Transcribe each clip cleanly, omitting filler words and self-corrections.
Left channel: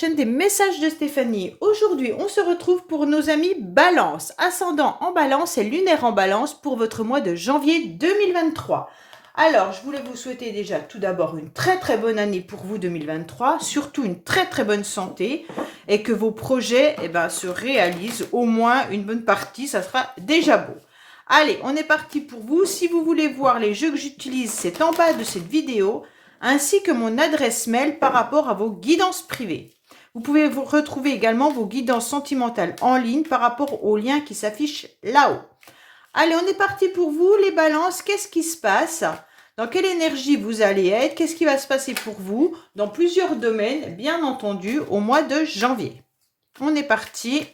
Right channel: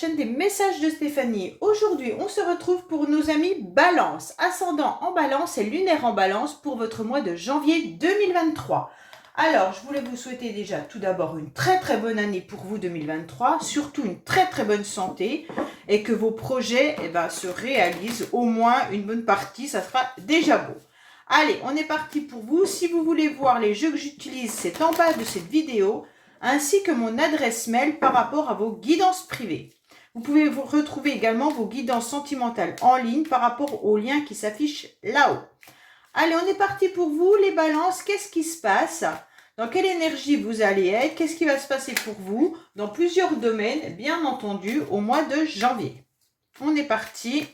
chaîne des messages de Stéphanie. Aujourd'hui, on se retrouve pour nos amis Balance, ascendant en Balance et lunaire en Balance pour votre mois de janvier 2023. Alors, je voulais vous souhaiter déjà tout d'abord une très bonne année pour vous 2023, surtout une très bonne santé et que vos projets se réalisent au moins une bonne partie, ça sera déjà beau. Allez, on est parti pour vous. Si vous voulez voir les jeux que j'utilise, c'est en bas de cette vidéo, ainsi que mon adresse mail par rapport à vos guidances privées. Vous pouvez vous retrouver également vos guidances sentimentales en ligne par rapport au lien qui s'affiche là-haut. Allez, on est parti pour vous, les balances. Qu'est-ce qui se passe? Dans quelle énergie vous allez être? Qu'est-ce qui va se passer pour vous dans plusieurs domaines, bien entendu, au mois de janvier? On est parti.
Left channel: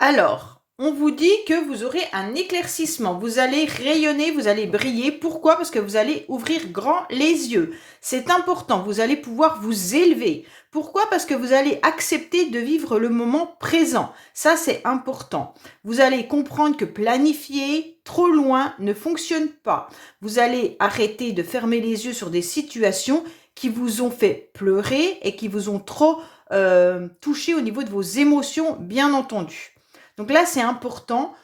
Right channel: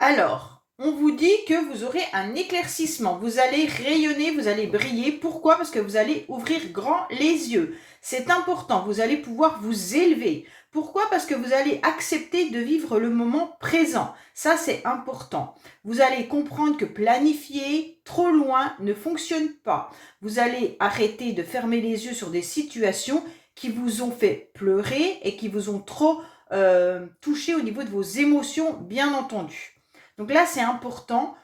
Alors, on vous dit que vous aurez un éclaircissement, vous allez rayonner, vous allez briller. Pourquoi? Parce que vous allez ouvrir grand les yeux. C'est important, vous allez pouvoir vous élever. Pourquoi? Parce que vous allez accepter de vivre le moment présent. Ça, c'est important. Vous allez comprendre que planifier trop loin ne fonctionne pas. Vous allez arrêter de fermer les yeux sur des situations qui vous ont fait pleurer et qui vous ont trop touché au niveau de vos émotions, bien entendu. Donc là, c'est important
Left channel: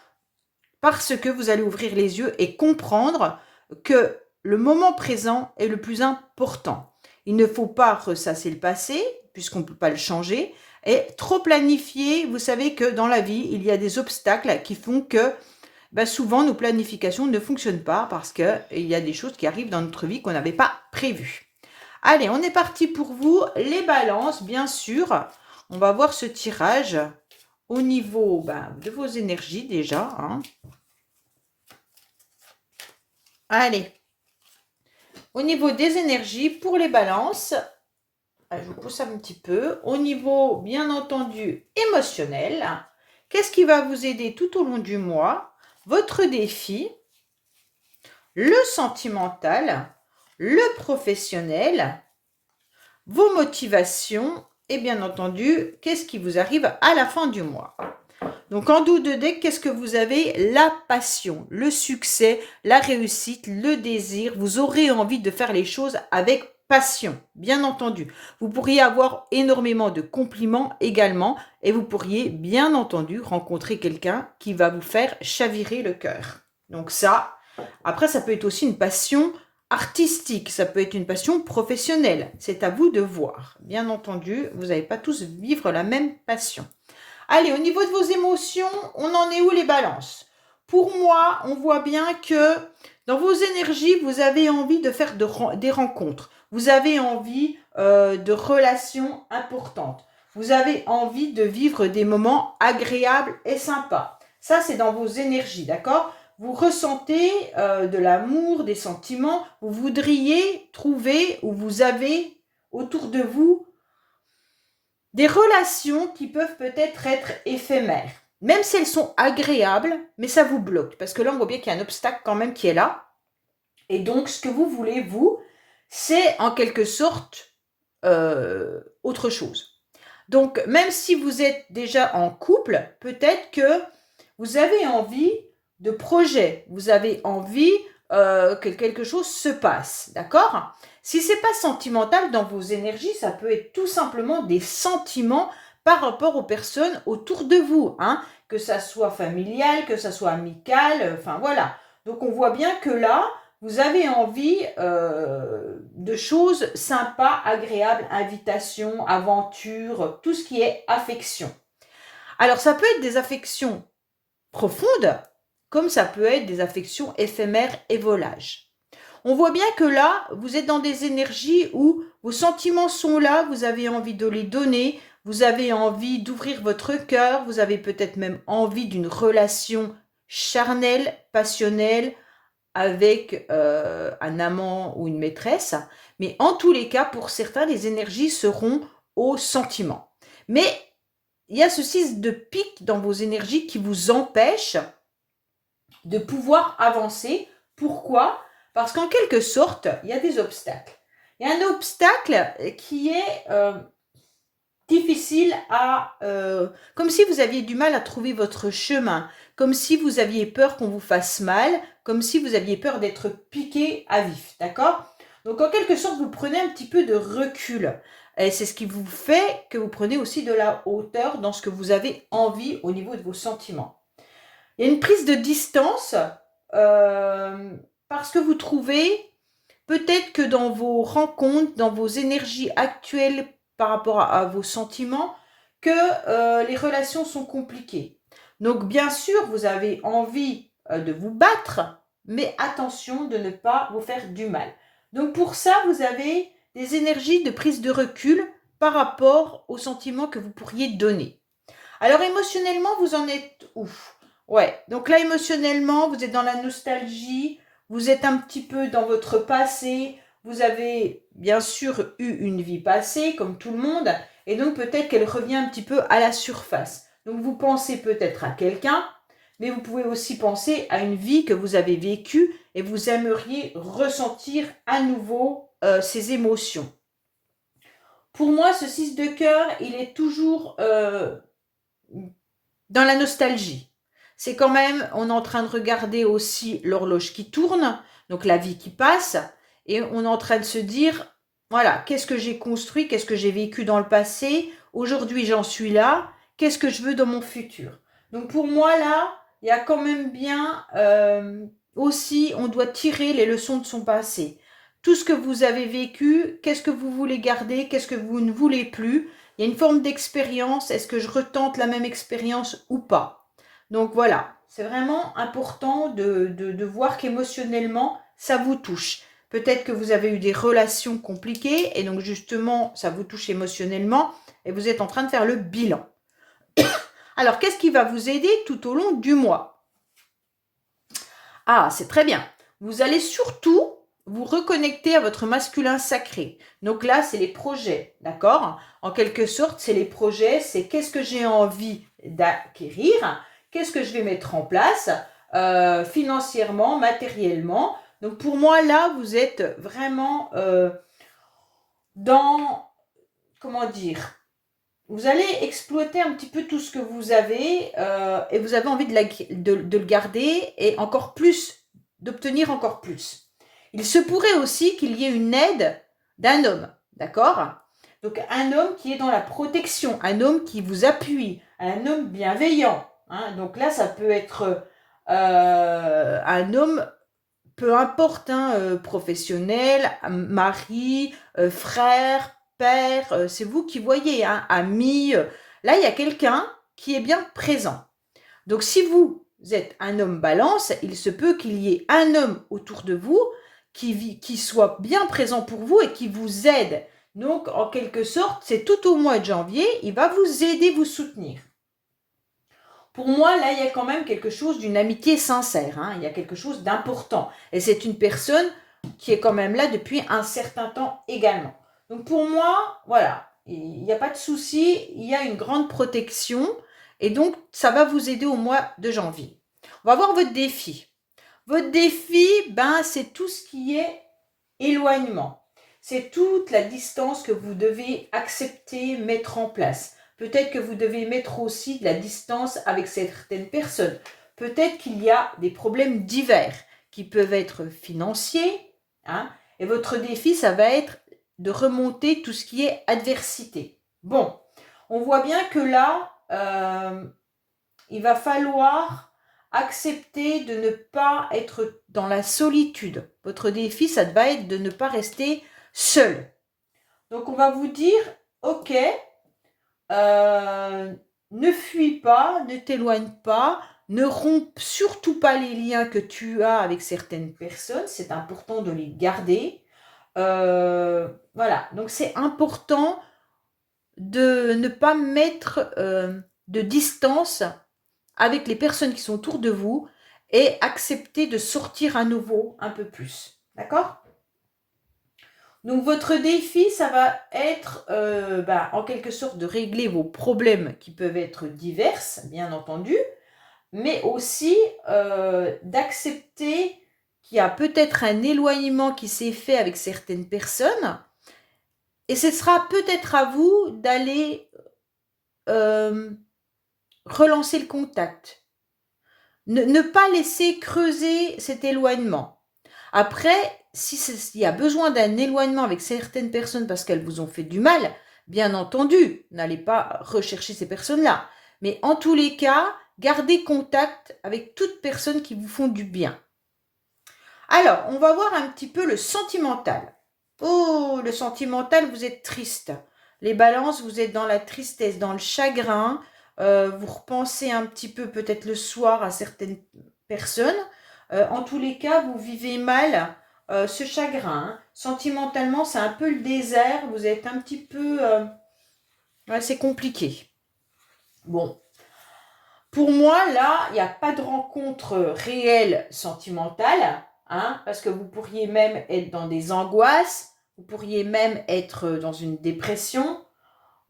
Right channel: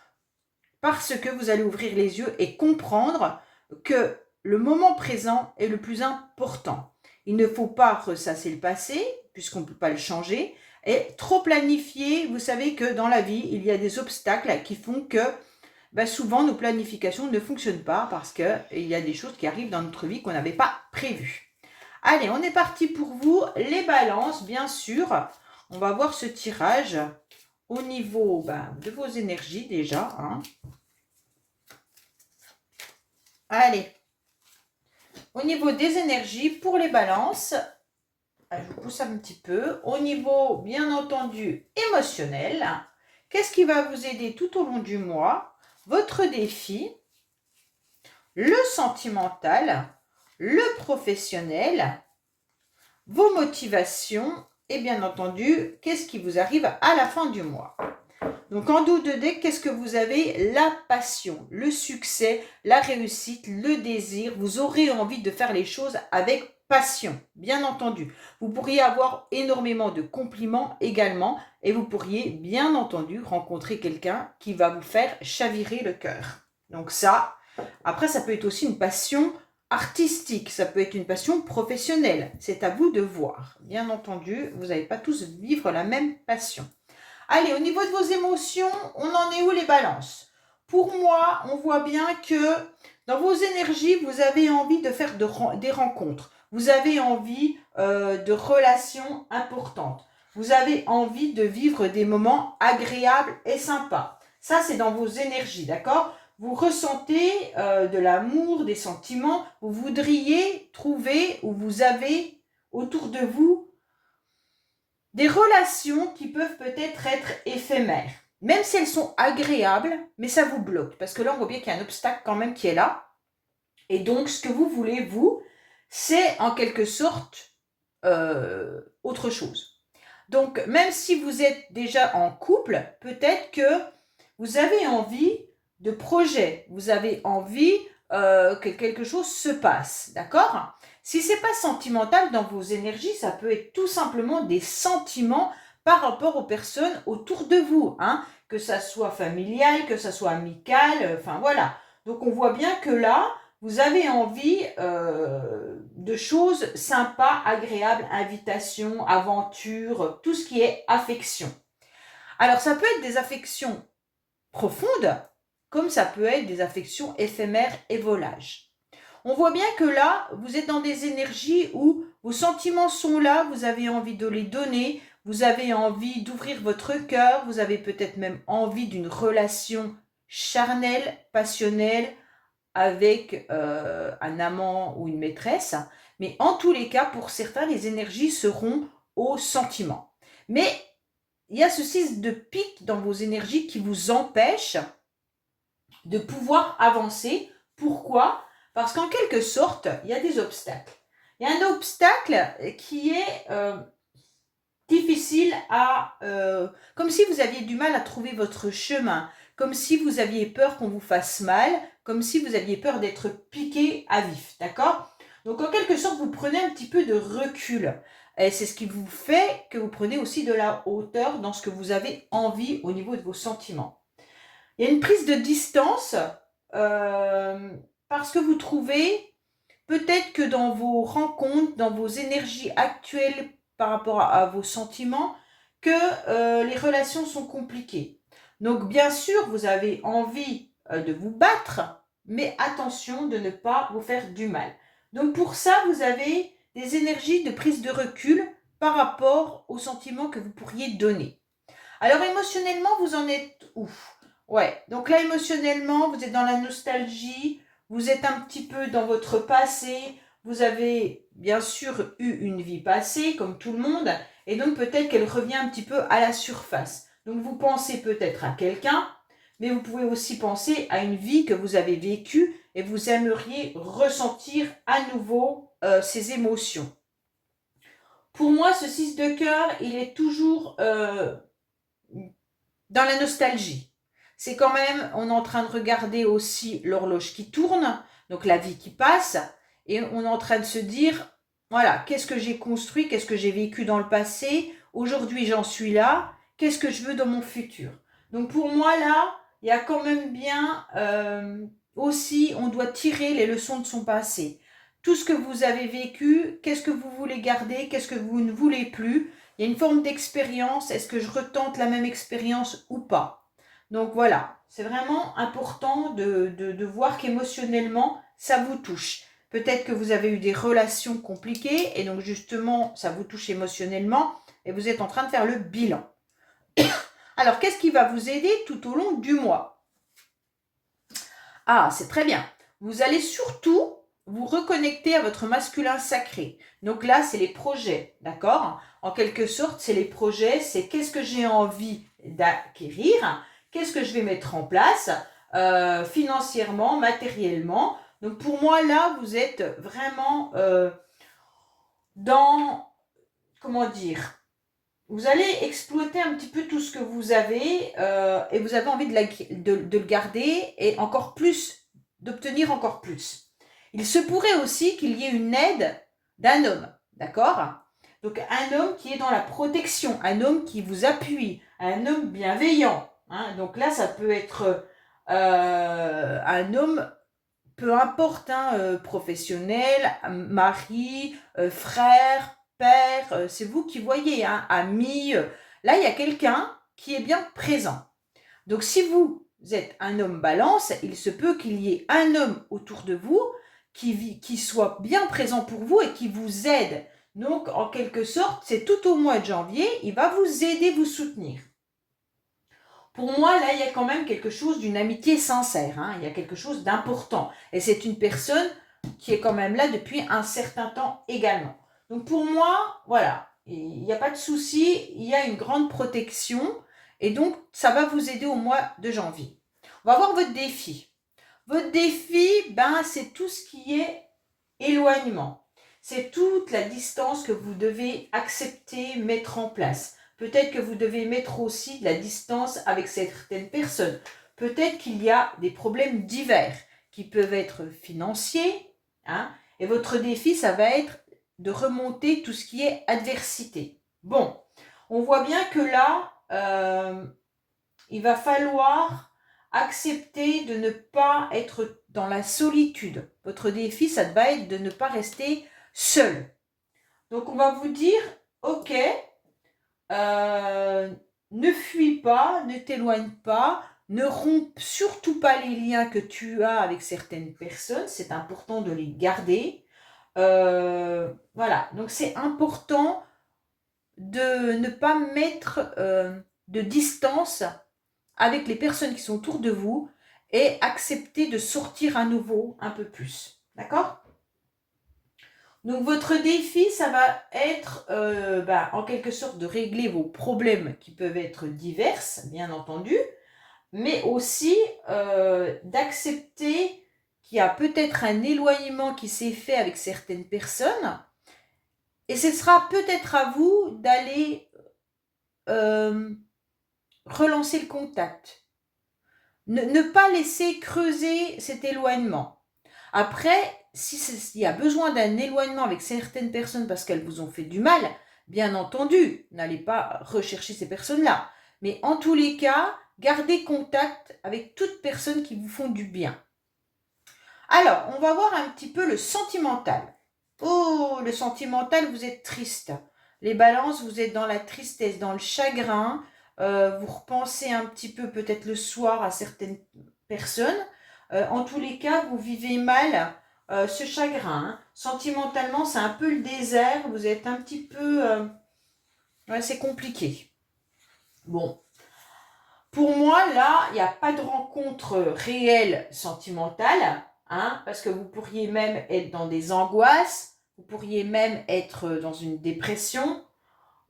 parce que vous allez ouvrir les yeux et comprendre que le moment présent est le plus important. Il ne faut pas ressasser le passé, puisqu'on ne peut pas le changer, et trop planifier. Vous savez que dans la vie, il y a des obstacles qui font que souvent nos planifications ne fonctionnent pas parce qu'il y a des choses qui arrivent dans notre vie qu'on n'avait pas prévues. Allez, on est parti pour vous, les balances, bien sûr. On va voir ce tirage au niveau de vos énergies déjà. Allez, au niveau des énergies pour les balances, je vous pousse un petit peu. Au niveau, bien entendu, émotionnel, qu'est-ce qui va vous aider tout au long du mois? Votre défi, le sentimental, le professionnel, vos motivations et bien entendu, qu'est-ce qui vous arrive à la fin du mois? Donc en dos de deck, qu'est-ce que vous avez? La passion, le succès, la réussite, le désir. Vous aurez envie de faire les choses avec passion, bien entendu. Vous pourriez avoir énormément de compliments également et vous pourriez bien entendu rencontrer quelqu'un qui va vous faire chavirer le cœur. Donc ça, après ça peut être aussi une passion artistique, ça peut être une passion professionnelle. C'est à vous de voir. Bien entendu, vous n'allez pas tous vivre la même passion. Allez, au niveau de vos émotions, on en est où les balances? Pour moi, on voit bien que dans vos énergies, vous avez envie de faire des rencontres. Vous avez envie de relations importantes. Vous avez envie de vivre des moments agréables et sympas. Ça, c'est dans vos énergies, d'accord? Vous ressentez de l'amour, des sentiments. Vous voudriez trouver ou vous avez autour de vous des relations qui peuvent peut-être être éphémères, même si elles sont agréables, mais ça vous bloque. Parce que là, on voit bien qu'il y a un obstacle quand même qui est là. Et donc, ce que vous voulez, vous, c'est en quelque sorte autre chose. Donc, même si vous êtes déjà en couple, peut-être que vous avez envie de projet, vous avez envie que quelque chose se passe, d'accord? Si ce n'est pas sentimental dans vos énergies, ça peut être tout simplement des sentiments par rapport aux personnes autour de vous, que ça soit familial, que ça soit amical, enfin voilà. Donc on voit bien que là, vous avez envie de choses sympas, agréables, invitations, aventures, tout ce qui est affection. Alors ça peut être des affections profondes, comme ça peut être des affections éphémères et volages. On voit bien que là, vous êtes dans des énergies où vos sentiments sont là, vous avez envie de les donner, vous avez envie d'ouvrir votre cœur, vous avez peut-être même envie d'une relation charnelle, passionnelle, avec un amant ou une maîtresse. Mais en tous les cas, pour certains, les énergies seront au sentiment. Mais il y a ce 6 de pique dans vos énergies qui vous empêche de pouvoir avancer. Pourquoi? Parce qu'en quelque sorte, il y a des obstacles. Il y a un obstacle qui est difficile à... comme si vous aviez du mal à trouver votre chemin, comme si vous aviez peur qu'on vous fasse mal, comme si vous aviez peur d'être piqué à vif, d'accord? Donc en quelque sorte, vous prenez un petit peu de recul. Et c'est ce qui vous fait que vous prenez aussi de la hauteur dans ce que vous avez envie au niveau de vos sentiments. Il y a une prise de distance parce que vous trouvez peut-être que dans vos rencontres, dans vos énergies actuelles par rapport à vos sentiments, que les relations sont compliquées. Donc bien sûr, vous avez envie de vous battre, mais attention de ne pas vous faire du mal. Donc pour ça, vous avez des énergies de prise de recul par rapport aux sentiments que vous pourriez donner. Alors émotionnellement, vous en êtes où? Ouais, donc là émotionnellement, vous êtes dans la nostalgie, vous êtes un petit peu dans votre passé, vous avez bien sûr eu une vie passée, comme tout le monde, et donc peut-être qu'elle revient un petit peu à la surface. Donc vous pensez peut-être à quelqu'un, mais vous pouvez aussi penser à une vie que vous avez vécue et vous aimeriez ressentir à nouveau ces émotions. Pour moi, ce 6 de cœur, il est toujours dans la nostalgie. C'est quand même, on est en train de regarder aussi l'horloge qui tourne, donc la vie qui passe, et on est en train de se dire, voilà, qu'est-ce que j'ai construit, qu'est-ce que j'ai vécu dans le passé, aujourd'hui j'en suis là, qu'est-ce que je veux dans mon futur. Donc pour moi là, il y a quand même bien aussi, on doit tirer les leçons de son passé. Tout ce que vous avez vécu, qu'est-ce que vous voulez garder, qu'est-ce que vous ne voulez plus. Il y a une forme d'expérience, est-ce que je retente la même expérience ou pas? Donc voilà, c'est vraiment important de voir qu'émotionnellement, ça vous touche. Peut-être que vous avez eu des relations compliquées et donc justement, ça vous touche émotionnellement et vous êtes en train de faire le bilan. Alors, qu'est-ce qui va vous aider tout au long du mois? Ah, c'est très bien. Vous allez surtout vous reconnecter à votre masculin sacré. Donc là, c'est les projets, d'accord? En quelque sorte, c'est les projets, c'est qu'est-ce que j'ai envie d'acquérir, qu'est-ce que je vais mettre en place financièrement, matériellement. Donc pour moi, là, vous êtes vraiment dans, comment dire, vous allez exploiter un petit peu tout ce que vous avez et vous avez envie de le garder et encore plus, d'obtenir encore plus. Il se pourrait aussi qu'il y ait une aide d'un homme, d'accord? Donc un homme qui est dans la protection, un homme qui vous appuie, un homme bienveillant. Hein? Donc là, ça peut être un homme, peu importe, hein, professionnel, mari, frère, père, c'est vous qui voyez, hein, ami. Là, il y a quelqu'un qui est bien présent. Donc si vous êtes un homme balance, il se peut qu'il y ait un homme autour de vous qui soit bien présent pour vous et qui vous aide. Donc, en quelque sorte, c'est tout au mois de janvier, il va vous aider, vous soutenir. Pour moi, là, il y a quand même quelque chose d'une amitié sincère. Hein. Il y a quelque chose d'important. Et c'est une personne qui est quand même là depuis un certain temps également. Donc, pour moi, voilà, il n'y a pas de souci. Il y a une grande protection. Et donc, ça va vous aider au mois de janvier. On va voir votre défi. Votre défi, c'est tout ce qui est éloignement. C'est toute la distance que vous devez accepter, mettre en place. Peut-être que vous devez mettre aussi de la distance avec certaines personnes. Peut-être qu'il y a des problèmes divers qui peuvent être financiers. Hein, et votre défi, ça va être de remonter tout ce qui est adversité. Bon, on voit bien que là, il va falloir accepter de ne pas être dans la solitude. Votre défi, ça va être de ne pas rester seul. Donc, on va vous dire, ok, ne fuis pas, ne t'éloigne pas, ne romps surtout pas les liens que tu as avec certaines personnes. C'est important de les garder. Voilà, donc c'est important de ne pas mettre de distance avec les personnes qui sont autour de vous et accepter de sortir à nouveau un peu plus. D'accord? Donc votre défi, ça va être en quelque sorte de régler vos problèmes qui peuvent être divers, bien entendu, mais aussi d'accepter qu'il y a peut-être un éloignement qui s'est fait avec certaines personnes et ce sera peut-être à vous d'aller relancer le contact. Ne pas laisser creuser cet éloignement. Après, s'il y a besoin d'un éloignement avec certaines personnes parce qu'elles vous ont fait du mal, Bien entendu, n'allez pas rechercher ces personnes-là. Mais en tous les cas, gardez contact avec toutes personnes qui vous font du bien. Alors, on va voir un petit peu le sentimental. Oh, le sentimental, vous êtes triste. Les balances, vous êtes dans la tristesse, dans le chagrin. Vous repensez un petit peu peut-être le soir à certaines personnes. En tous les cas, vous vivez mal ce chagrin. Hein. Sentimentalement, c'est un peu le désert. Vous êtes un petit peu... ouais, c'est compliqué. Bon. Pour moi, là, il n'y a pas de rencontre réelle sentimentale. Hein, parce que vous pourriez même être dans des angoisses. Vous pourriez même être dans une dépression.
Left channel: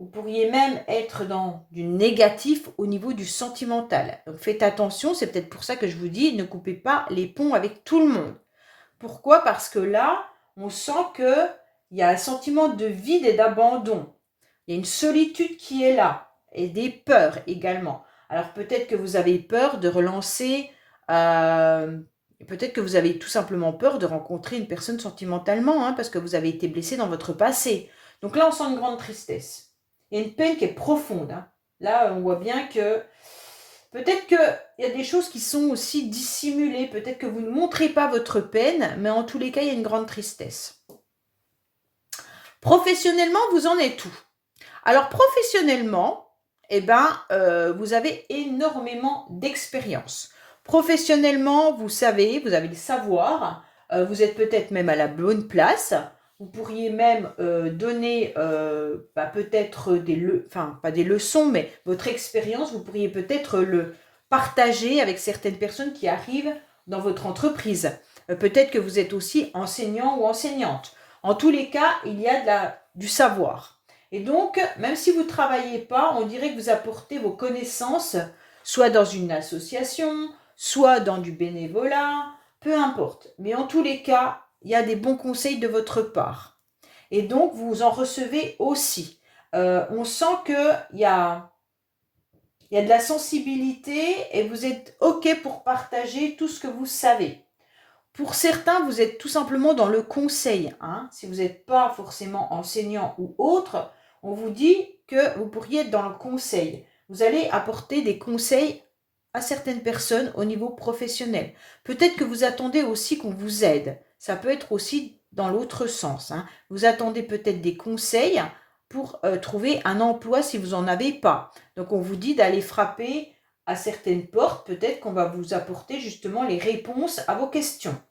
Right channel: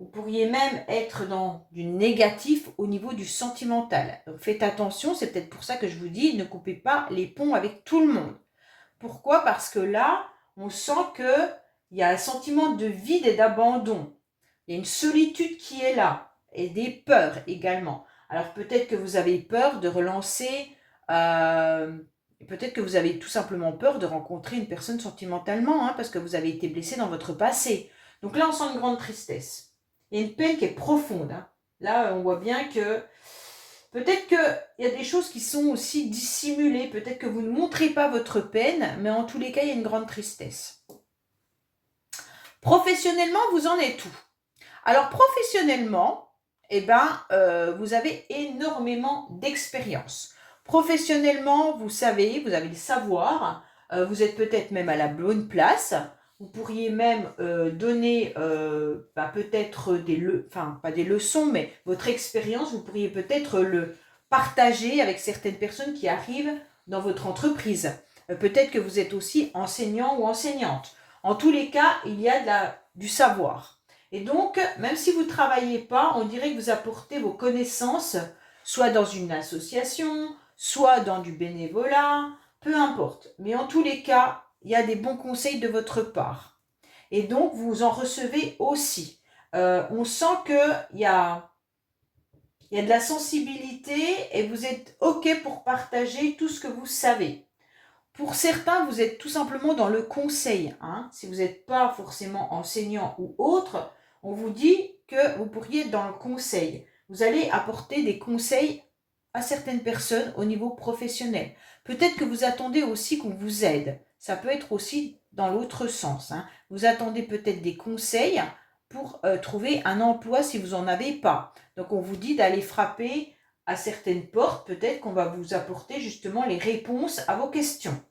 Vous pourriez même être dans du négatif au niveau du sentimental. Donc faites attention, c'est peut-être pour ça que je vous dis, ne coupez pas les ponts avec tout le monde. Pourquoi? Parce que là, on sent qu'il y a un sentiment de vide et d'abandon. Il y a une solitude qui est là et des peurs également. Alors peut-être que vous avez peur de relancer, peut-être que vous avez tout simplement peur de rencontrer une personne sentimentalement, hein, parce que vous avez été blessé dans votre passé. Donc là, on sent une grande tristesse. Il y a une peine qui est profonde. Hein. Là, on voit bien que peut-être qu'il y a des choses qui sont aussi dissimulées. Peut-être que vous ne montrez pas votre peine, mais en tous les cas, il y a une grande tristesse. Professionnellement, vous en êtes où? Alors, professionnellement, eh ben, vous avez énormément d'expérience. Professionnellement, vous savez, vous avez le savoir, vous êtes peut-être même à la bonne place. Vous pourriez même donner peut-être pas des leçons, mais votre expérience, vous pourriez peut-être le partager avec certaines personnes qui arrivent dans votre entreprise. Peut-être que vous êtes aussi enseignant ou enseignante. En tous les cas, il y a du savoir. Et donc, même si vous ne travaillez pas, on dirait que vous apportez vos connaissances, soit dans une association, soit dans du bénévolat, peu importe. Mais en tous les cas, il y a des bons conseils de votre part. Et donc, vous en recevez aussi. On sent qu'il y a de la sensibilité et vous êtes OK pour partager tout ce que vous savez. Pour certains, vous êtes tout simplement dans le conseil. Hein. Si vous n'êtes pas forcément enseignant ou autre, on vous dit que vous pourriez être dans le conseil. Vous allez apporter des conseils à certaines personnes au niveau professionnel. Peut-être que vous attendez aussi qu'on vous aide. Ça peut être aussi dans l'autre sens. Hein. Vous attendez peut-être des conseils pour trouver un emploi si vous n'en avez pas. Donc on vous dit d'aller frapper à certaines portes. Peut-être qu'on va vous apporter justement les réponses à vos questions.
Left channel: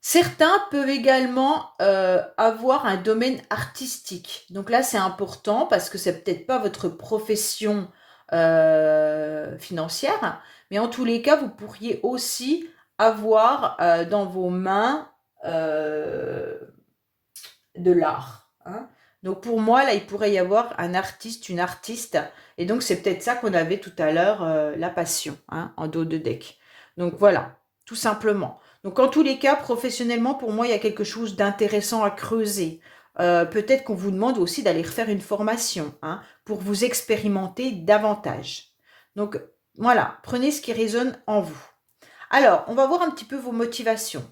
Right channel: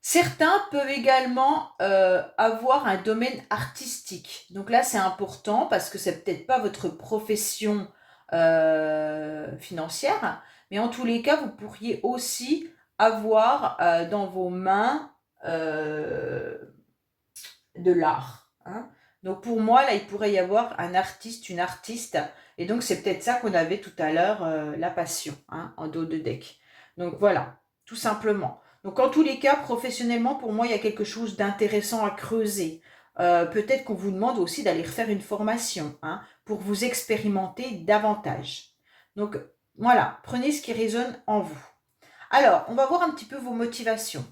Certains peuvent également avoir un domaine artistique. Donc là, c'est important parce que c'est peut-être pas votre profession financière, mais en tous les cas, vous pourriez aussi avoir dans vos mains de l'art. Hein. Donc pour moi, là, il pourrait y avoir un artiste, une artiste, et donc c'est peut-être ça qu'on avait tout à l'heure, la passion, hein, en dos de deck. Donc voilà, tout simplement. Donc en tous les cas, professionnellement, pour moi, il y a quelque chose d'intéressant à creuser. Peut-être qu'on vous demande aussi d'aller refaire une formation, hein, pour vous expérimenter davantage. Donc voilà, prenez ce qui résonne en vous. Alors, on va voir un petit peu vos motivations.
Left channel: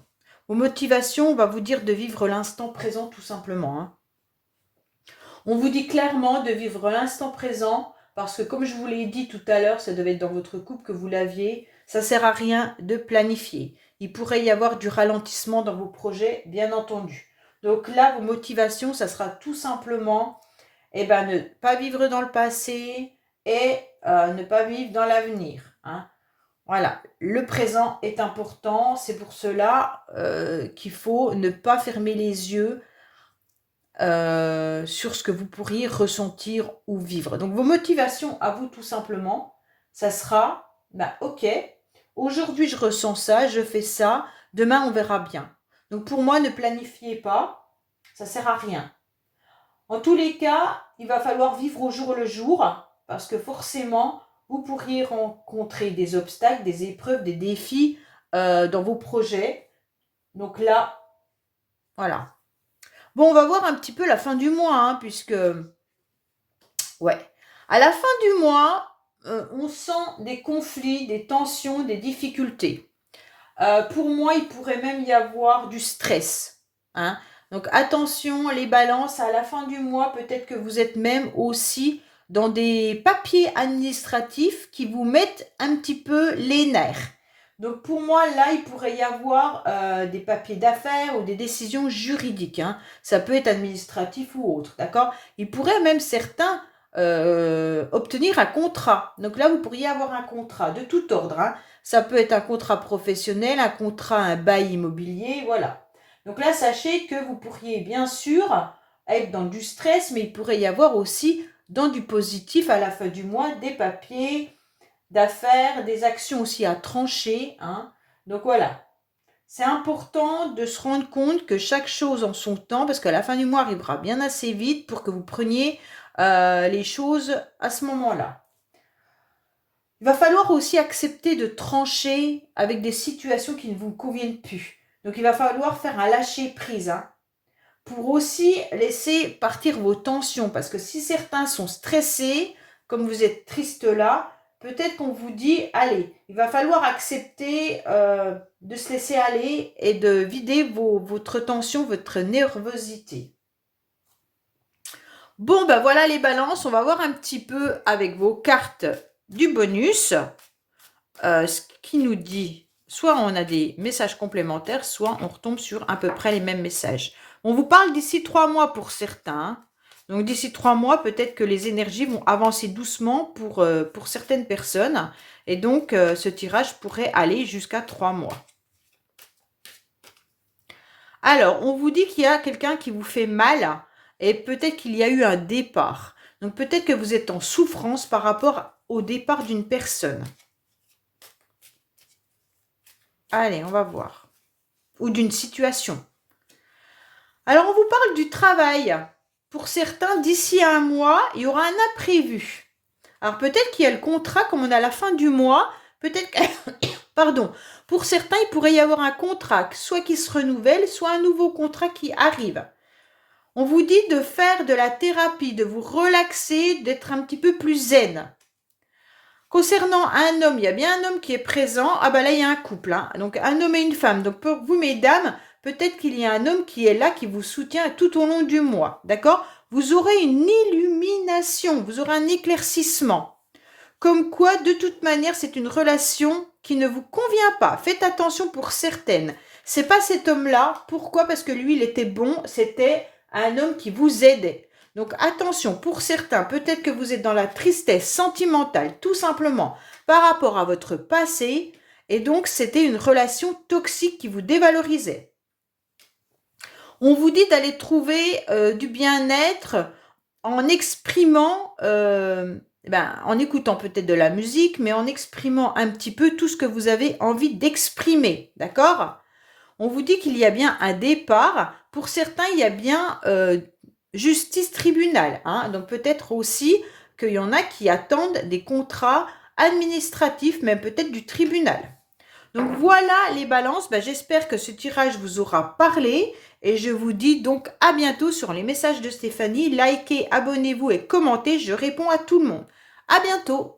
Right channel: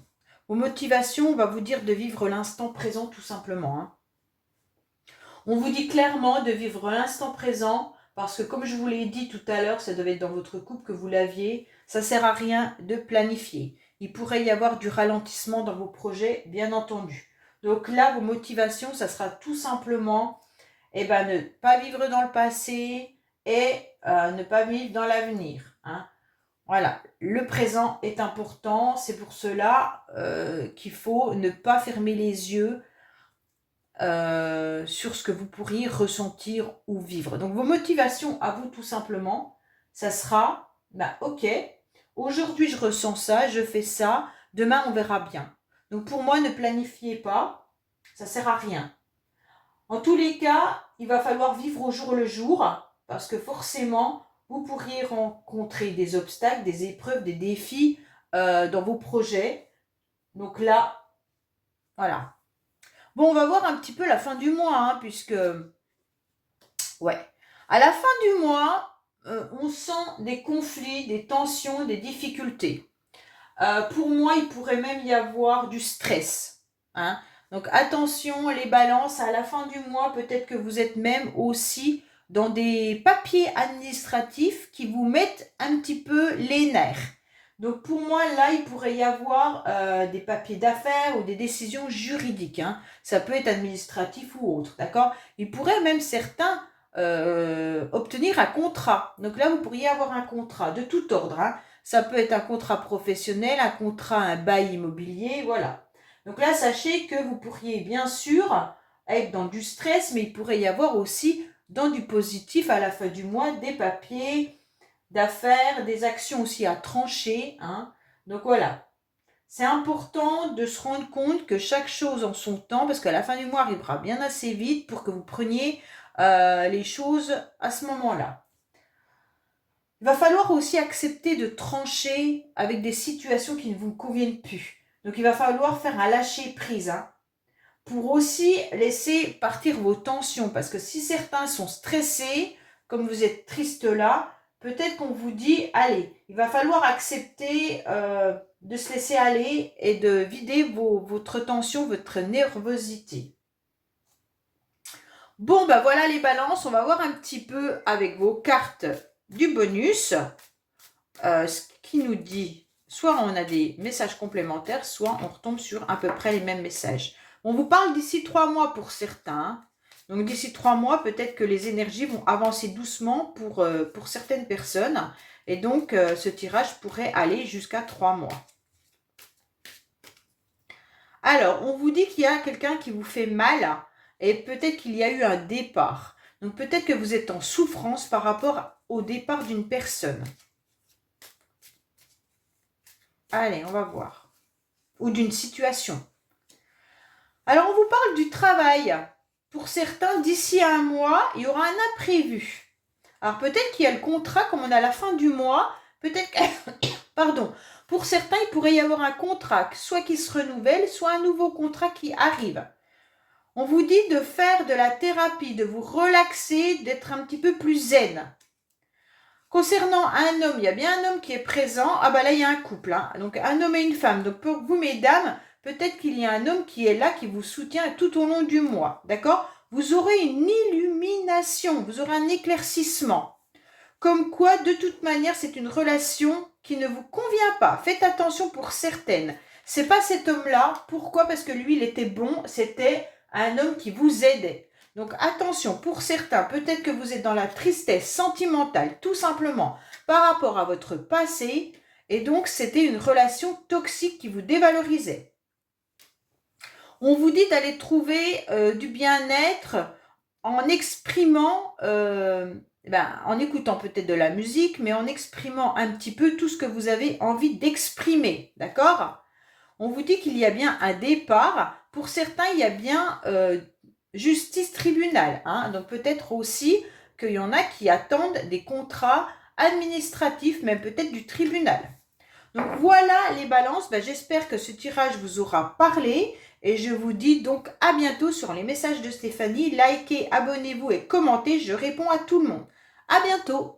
Vos motivations, on va vous dire de vivre l'instant présent tout simplement. Hein. On vous dit clairement de vivre l'instant présent parce que comme je vous l'ai dit tout à l'heure, ça devait être dans votre couple que vous l'aviez, ça ne sert à rien de planifier. Il pourrait y avoir du ralentissement dans vos projets, bien entendu. Donc là, vos motivations, ça sera tout simplement ne pas vivre dans le passé et ne pas vivre dans l'avenir. Hein. Voilà, le présent est important, c'est pour cela qu'il faut ne pas fermer les yeux sur ce que vous pourriez ressentir ou vivre. Donc vos motivations à vous tout simplement, ça sera, ok, aujourd'hui je ressens ça, je fais ça, demain on verra bien. Donc pour moi, ne planifiez pas, ça ne sert à rien. En tous les cas, il va falloir vivre au jour le jour, parce que forcément, vous pourriez rencontrer des obstacles, des épreuves, des défis dans vos projets. Donc là, voilà. Bon, on va voir un petit peu la fin du mois, hein, puisque, ouais, à la fin du mois, on sent des conflits, des tensions, des difficultés. Pour moi, il pourrait même y avoir du stress. Hein. Donc attention les balances, à la fin du mois, peut-être que vous êtes même aussi dans des papiers administratifs qui vous mettent un petit peu les nerfs. Donc pour moi, là, il pourrait y avoir des papiers d'affaires ou des décisions juridiques, hein. Ça peut être administratif ou autre, d'accord? Il pourrait même certains obtenir un contrat. Donc là, vous pourriez avoir un contrat de tout ordre, hein. Ça peut être un contrat professionnel, un contrat, un bail immobilier, voilà. Donc là, sachez que vous pourriez bien sûr être dans du stress, mais il pourrait y avoir aussi dans du positif à la fin du mois des papiers d'affaires, des actions aussi à trancher, hein. Donc voilà, c'est important de se rendre compte que chaque chose en son temps, parce que la fin du mois arrivera bien assez vite pour que vous preniez les choses à ce moment-là. Il va falloir aussi accepter de trancher avec des situations qui ne vous conviennent plus. Donc il va falloir faire un lâcher-prise, hein, pour aussi laisser partir vos tensions. Parce que si certains sont stressés, comme vous êtes triste là, peut-être qu'on vous dit, allez, il va falloir accepter de se laisser aller et de vider votre tension, votre nervosité. Bon, ben voilà les balances, on va voir un petit peu avec vos cartes du bonus, ce qui nous dit, soit on a des messages complémentaires, soit on retombe sur à peu près les mêmes messages. On vous parle d'ici 3 mois pour certains. Donc d'ici 3 mois, peut-être que les énergies vont avancer doucement pour certaines personnes. Et donc ce tirage pourrait aller jusqu'à 3 mois. Alors, on vous dit qu'il y a quelqu'un qui vous fait mal et peut-être qu'il y a eu un départ. Donc peut-être que vous êtes en souffrance par rapport au départ d'une personne. Allez, on va voir. Ou d'une situation. Alors, on vous parle du travail. Pour certains, d'ici à un mois, il y aura un imprévu. Alors, peut-être qu'il y a le contrat, comme on est à la fin du mois, peut-être que... Pardon. Pour certains, il pourrait y avoir un contrat, soit qui se renouvelle, soit un nouveau contrat qui arrive. On vous dit de faire de la thérapie, de vous relaxer, d'être un petit peu plus zen. Concernant un homme, il y a bien un homme qui est présent. Ah ben là, il y a un couple, hein. Donc un homme et une femme. Donc pour vous, mesdames, peut-être qu'il y a un homme qui est là, qui vous soutient tout au long du mois. D'accord? Vous aurez une illumination, vous aurez un éclaircissement. Comme quoi, de toute manière, c'est une relation qui ne vous convient pas. Faites attention pour certaines. C'est pas cet homme-là. Pourquoi? Parce que lui, il était bon. C'était un homme qui vous aidait. Donc attention, pour certains, peut-être que vous êtes dans la tristesse sentimentale, tout simplement, par rapport à votre passé. Et donc, c'était une relation toxique qui vous dévalorisait. On vous dit d'aller trouver du bien-être en exprimant... en écoutant peut-être de la musique, mais en exprimant un petit peu tout ce que vous avez envie d'exprimer, d'accord? On vous dit qu'il y a bien un départ. Pour certains, il y a bien justice tribunal, hein? Donc peut-être aussi qu'il y en a qui attendent des contrats administratifs, même peut-être du tribunal. Donc voilà les balances, j'espère que ce tirage vous aura parlé. Et je vous dis donc à bientôt sur les messages de Stéphanie. Likez, abonnez-vous et commentez, je réponds à tout le monde. À bientôt!